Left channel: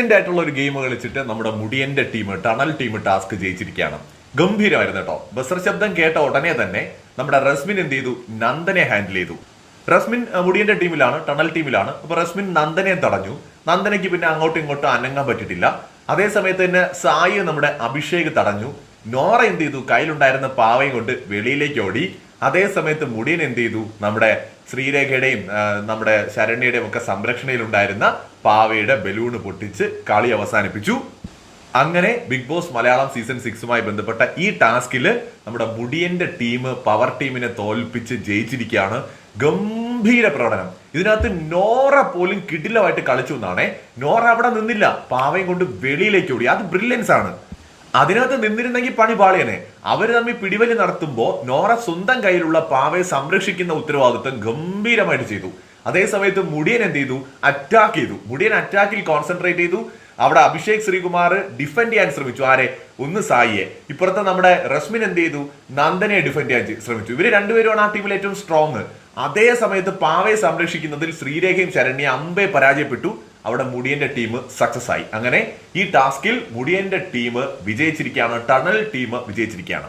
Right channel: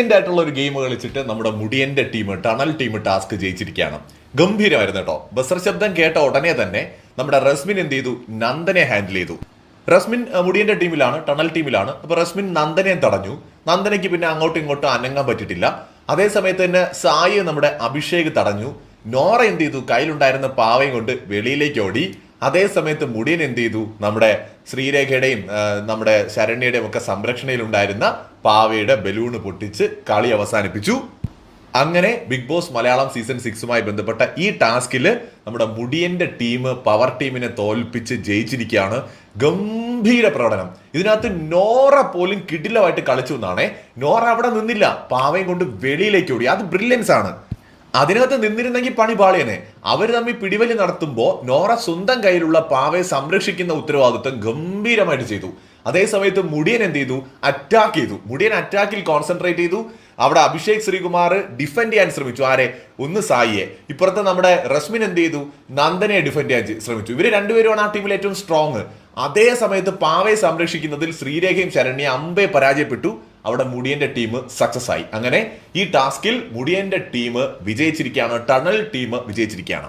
Brilliant ആയിട്ടുള്ള ഒരു game കളിച്ചിട്ട് നമ്മുടെ മുടിയന്റെ ടീം ടണൽ ടീം ടാസ്ക് ജയിച്ചിരിക്കുകയാണ്. ഗംഭീരമായിരുന്നു കേട്ടോ. ബസർ ശബ്ദം കേട്ട ഉടനെ തന്നെ നമ്മുടെ റസ്മിൻ എന്ത് ചെയ്തു? നന്ദനെ ഹാൻഡിൽ ചെയ്തു. റസ്മിൻ മുടിയന്റെ ടീമിലാണ് ടണൽ ടീമിലാണ് അപ്പൊ റസ്മിൻ നന്ദനെ തടഞ്ഞു. നന്ദനയ്ക്ക് പിന്നെ അങ്ങോട്ടും ഇങ്ങോട്ടും അനങ്ങാൻ പറ്റിയിട്ടില്ല. അതേ സമയത്ത് തന്നെ സായി നമ്മുടെ അഭിഷേക് തടഞ്ഞു. നോറ എന്ത് ചെയ്തു? കയ്യിലുണ്ടായിരുന്ന പാവയും കൊണ്ട് വെളിയിലേക്ക് ഓടി. അതേ സമയത്ത് മുടിയൻ എന്ത് ചെയ്തു? നമ്മുടെ ശ്രീരേഖയുടെയും നമ്മുടെ ശരണ്യയുടെയും ഒക്കെ സംരക്ഷണയിലുണ്ടായിരുന്ന പാവയുടെ ബലൂണ് പൊട്ടിച്ച് കളി അവസാനിപ്പിച്ചു. അങ്ങനെ ബിഗ് ബോസ് മലയാളം സീസൺ സിക്സുമായി ബന്ധപ്പെട്ട ഈ ടാസ്കിൽ നമ്മുടെ മുടിയന്റെ ടീം പവർ ടീമിനെ തോൽപ്പിച്ച് ജയിച്ചിരിക്കുകയാണ്. ഗംഭീര പ്രകടനം. ഇതിനകത്ത് നോറ പോലും കിടിലമായിട്ട് കളിച്ചു എന്നാണേ. നോറ അവിടെ നിന്നില്ല. പാവയും കൊണ്ട് വെളിയിലേക്ക് ഓടി. അത് ബ്രില്യൻസ് ആണ്. അതിനകത്ത് നിന്നിരുന്നെങ്കിൽ പണി പാളിയനെ. അവർ തമ്മിൽ പിടിവലി നടത്തുമ്പോൾ നോറ സ്വന്തം കയ്യിലുള്ള പാവയെ സംരക്ഷിക്കുന്ന ഉത്തരവാദിത്വം ഗംഭീരമായിട്ട് ചെയ്തു. അതേ സമയത്ത് മുടിയൻ എന്ത് ചെയ്തു? അറ്റാക്ക് ചെയ്തു. മുടിയൻ അറ്റാക്കിൽ കോൺസെൻട്രേറ്റ് ചെയ്തു. അവിടെ അഭിഷേക് ശ്രീകുമാർ ഡിഫെൻഡ് ചെയ്യാൻ ശ്രമിച്ചു. ആരെ? ഒന്ന് സായിയെ. ഇപ്പുറത്തെ നമ്മുടെ റസ്മിൻ എന്ത് ചെയ്തു? നന്ദനെ ഡിഫെൻഡ് ചെയ്യാൻ ശ്രമിച്ചു. ഇവർ രണ്ടുപേരുമാണ് ആ ടീമിൽ ഏറ്റവും സ്ട്രോങ് അതേ സമയത്ത് പാവയെ സംരക്ഷിക്കുന്നതിൽ ശ്രീരേഖയും ശരണ്യ അമ്പെ പരാജയപ്പെട്ടു. അവിടെ മുടിയന്റെ ടീം സക്സസ് ആയി. അങ്ങനെ ഈ ടാസ്കിൽ മുടിയന്റെ ടീം വിജയിച്ചിരിക്കുകയാണ് ടണൽ ടീം വിജയിച്ചിരിക്കുകയാണ്.